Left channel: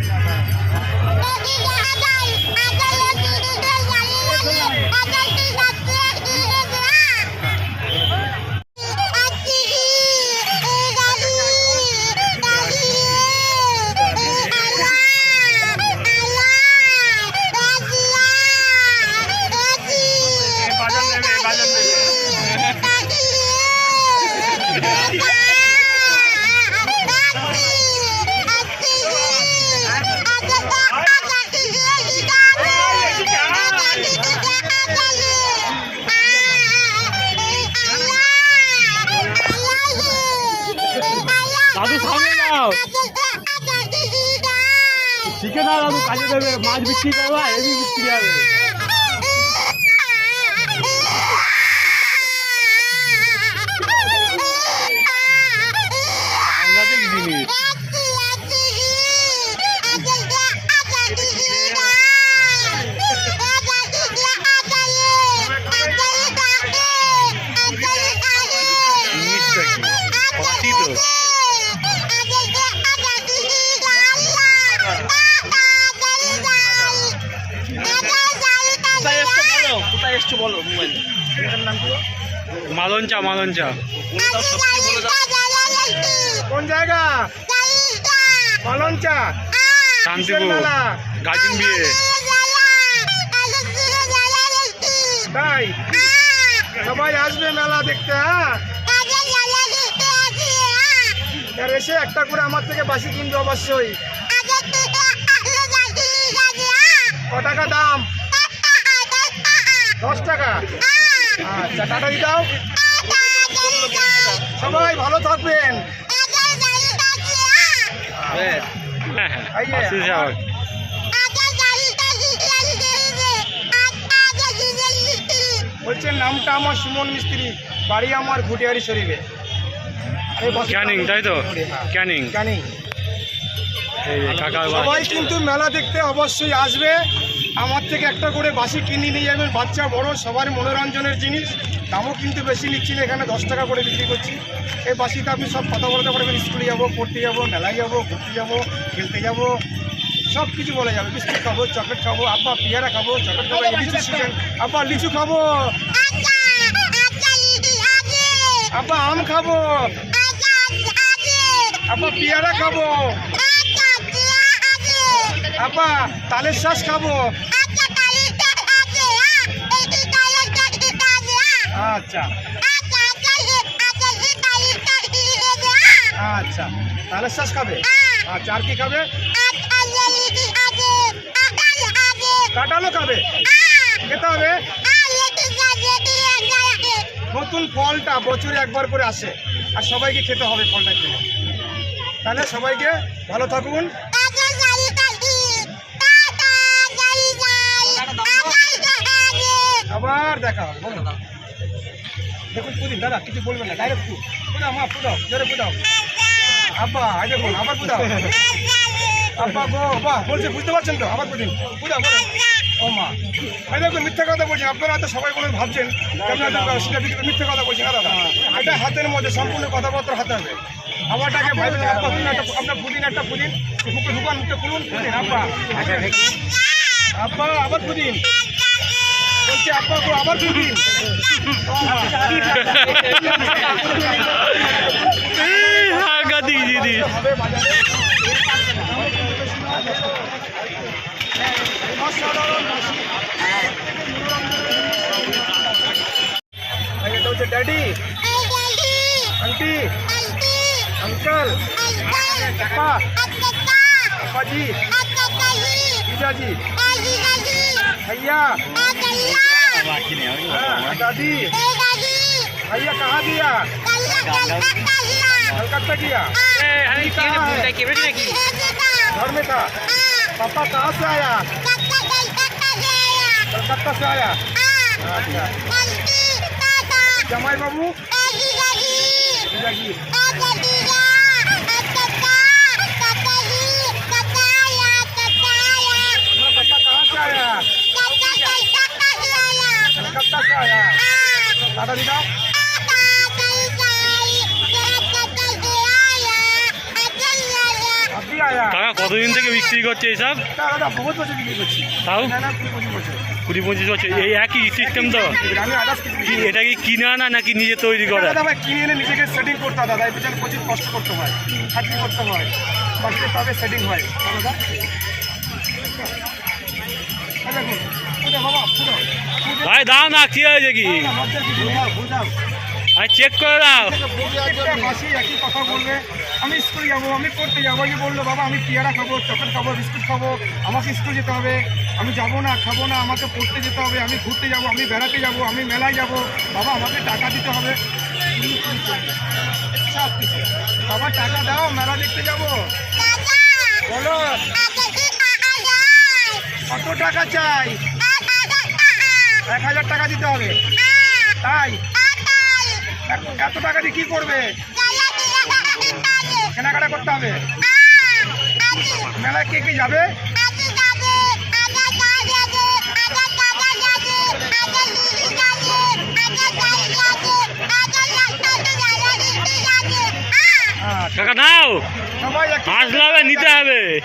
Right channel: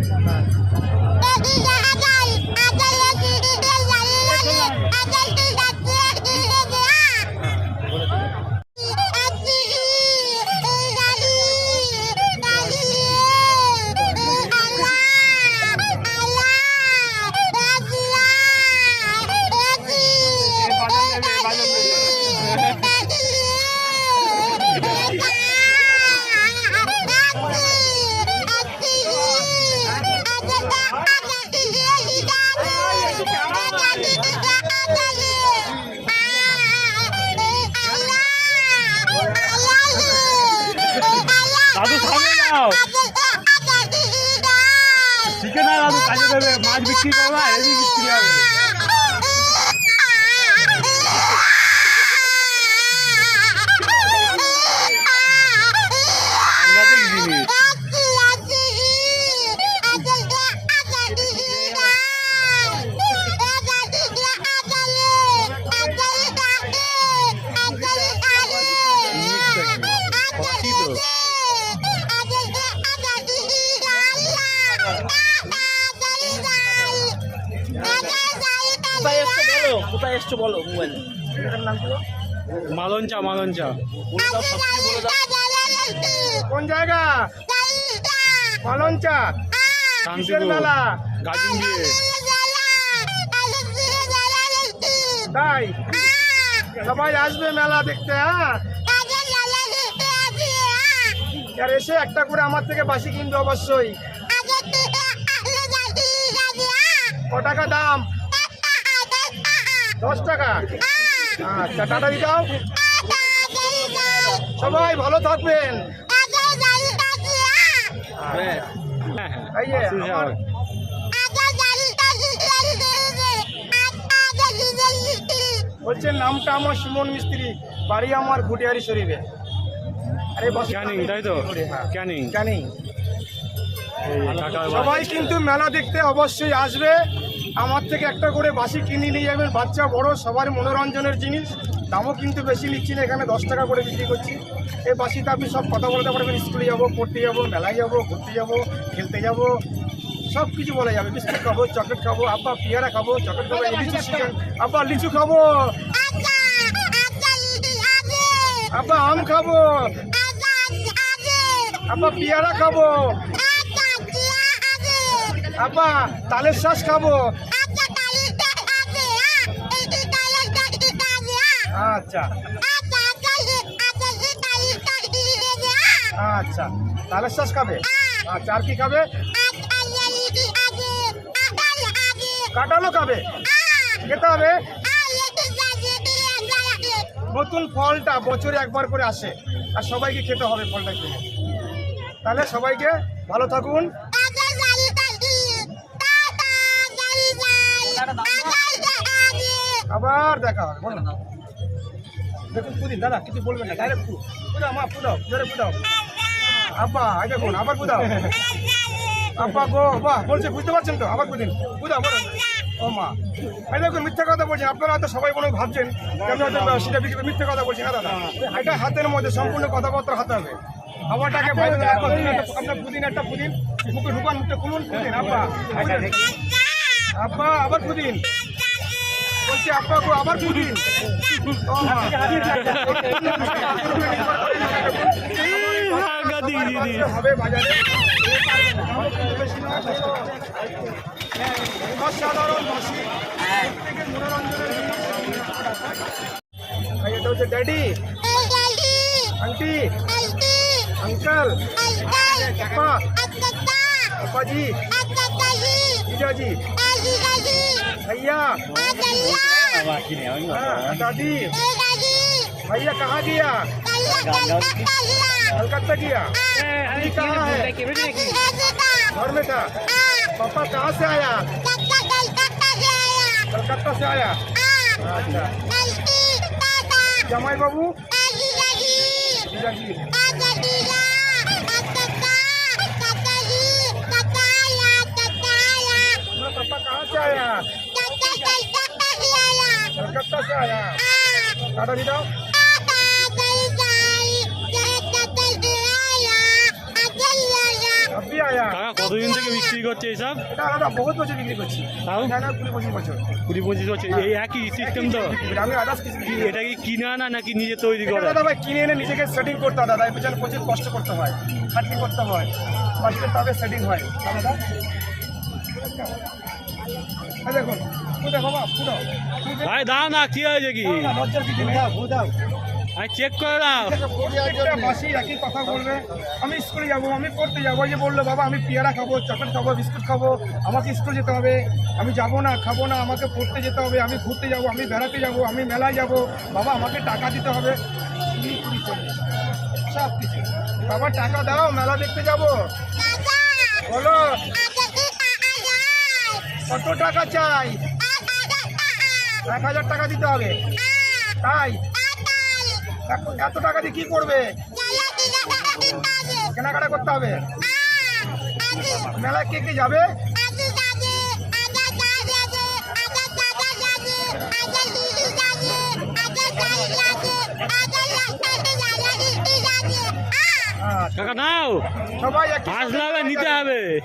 Daddy, দাদু সামনে যাও শিখে দাও দাদু কাজে দেবে মাছ বিক্রি করবা হেভি বিক্রি হবে। এসছো বলো মোবাইল। নাম কি মালঞ্চা মালঞ্চা। কোন জায়গা? পালনচা শান্তিপুর মেলা? গাজিন বিয়ে। তাই? সবাই আসবে মেলা দেখতে হ্যাঁ? আর এসে একটা করে আমার থেকে বাসি কিনবে অবশ্যই। ক টাকা দাম? দশ টাকা। আচ্ছা টাটা দাও সবাই ভালো থাকবেন। আবার। বলছেন নামটা আমার সুমন মিস্ত্রি বাড়ি আমার ঘুটিয়ারি শরীফে। ক্যানিং তাই তো? হ্যাঁ। ক্যানিং। ক্যানিং। সবাই কিন্তু মেলা দেখতে অবশ্যই আসবে। আমার থেকে একটা করে বাসি কিনে নিয়ে যাবেন বাচ্চা বড় সবার মনোরঞ্জনের জিনিস। দামও কিন্তু বেশি নিচ্ছি না এখানে দশ টাকা করে বিক্রি করছি। এই বাসিতে আপনি সব কথা বলতে পারবেন স্কুলে যাব পড়তে যাব মেলায় যাব ঘুরতে যাব খেলতে যাব সব কিছু বলা যাবে। বিস্কুট খাব চকলেট খাব আব্বা পেয়ারা খাব চকলেট খাব এই লিচু সিজন আব্বা লিচু খাব। আব্বা আম খাব। আব্বা পেয়ারা খাব। আব্বা তালের শ্বাস খাব। আচ্ছা আচ্ছা। তালের শ্বাস খাবে আচ্ছা। আর কি খাবে? কাঁঠালও খাবে। খেতে হবে? নতুন ফলটা বছরে একবার করে আসে। আর সবাইকে খেতে হবে ফলটা কিনে তাহলে সবাইকে ভালো থাকুন। আবার দেখা হবে বলুন দেখুন পুদিন দাদা কিছু বলবেন না ডাইরেক্ট পুদাও মা পুদাও জোরে পুদাও। আব্বা এই দেখুন আবার পুদাও। আব্বা গো বাহ বলছে বুঝতে পারছেন তো? আবার পুদিন। পুদাও বলো। ও মা এই দেখুন মিথ্যা কথা বলছেন আপনারা হয়তো সবাই কোনো ভাবছেন যে আপনি হয়তো সেটা বিক্রি মিথ্যা কথা বলছেন না দাদা? এটা হাতের মধ্যে সম্পূর্ণ কথাবার্তা হাতে হবে। বলে, পুদিন একটা আপনার পুদিন একটা পুদিন। মুখে ঢুকান মুখে খুলুন পুদিন আব্বা। পুদিন। আব্বা আবার পুদিন। বলছি আব্বা গো আবার পুদিন ও মা এই সাংঘাতিক জিনিস হবে বাজারে অসাধারণ হাসি। প্রত্যেকের মনোরঞ্জনের জন্য। এই এটা হচ্ছে ড্যাডি আন্টি अंकल पापा पापा जी जीजा जी भैया हाँ, दादी। भैया कहाँ दिया? कलकत्ता किया? कहाँ है घर में था। पापा कहाँ से आया? कलकत्ता से आया। अच्छा। जमाई बाबू? कलकत्ता से आया दादा जी जाओ आप কি আয়া কাকা কতদিন থেকে বিক্রি করছে এইসব তা দাদা বহুত বছর বিক্রি করছি তাও না না কুড়ি পঁচিশ বছর কুড়ি পঁচিশ বছর এই একই সিস্টেম তো আমি আদার্স কিছু কি এটা কি কিনে আনা নাকি নিজে তৈরি করা দাদা ভাই কিনে এনে নিজেকে সেটিং করতে হয় দাদা এর পেছনে প্রচুর কষ্ট করতে হয় খাটনি করতে হয় বাড়িতে তবে সেটিং হয় তা দাদা এই দেখুন পুজো বাবা পুজো ভাই দাও না কি হয়েছে কি? আর চেক করে দাও। মাসি একই কথা বলবে আমি স্কুলে যাব আমি পড়তে যাব যে বলল বাবা আমি পেয়ারা খাব চকলেট খাব বিস্কুট খাব আমাকে স্কুল যেতে হবে আমি যাব না খাব না আমাকে পড়তে যেতে হবে আমি ঘুরতে যাব আমি বেড়াতে যাব আমি মেলায় যাব বাবা আমাকে টাকা দিতে হবে সব কিছু বাবা টাকা দাও মেলা দেখতে যাব বলো কত টাকা চাই? এক হাজার টাকা দিতে হবে। তাই? এত- এত টাকা দিয়ে কি করবে? কেনাকাটা করতে হবে। মেলায় কে কে যাবে? কাকা নাও। হবে নিতে হবে।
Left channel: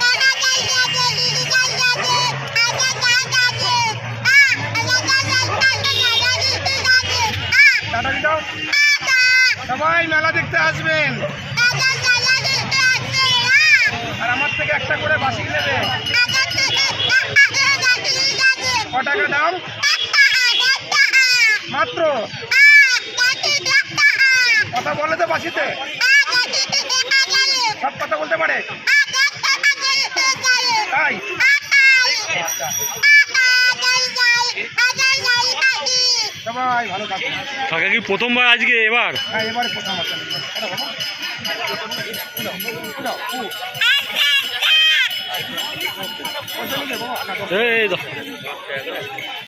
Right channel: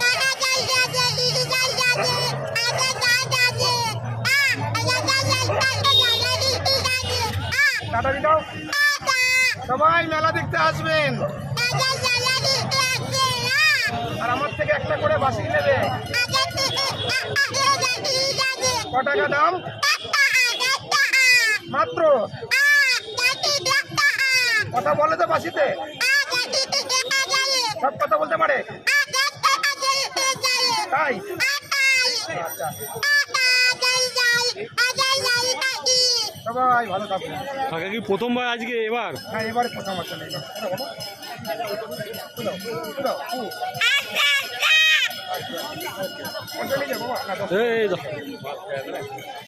টাটা দিতাও সবাই মেলা দেখতে আসবেন আর আমার থেকে একটা করে বাসি নেবে ক টাকা দাম মাত্র কথা বলে তো বাসিতে সব কথা বলতে পারে তাই আচ্ছা। সবাই ভালো থাকুন কাকা কি প্রথমবার আজকে এবার হ্যাঁ এবারে প্রথম আসলে এবার ওটা বাবা উদাও, উদাও, উ। আচ্ছা। ওটা নিয়ে যাও বাবা, না, দশ এই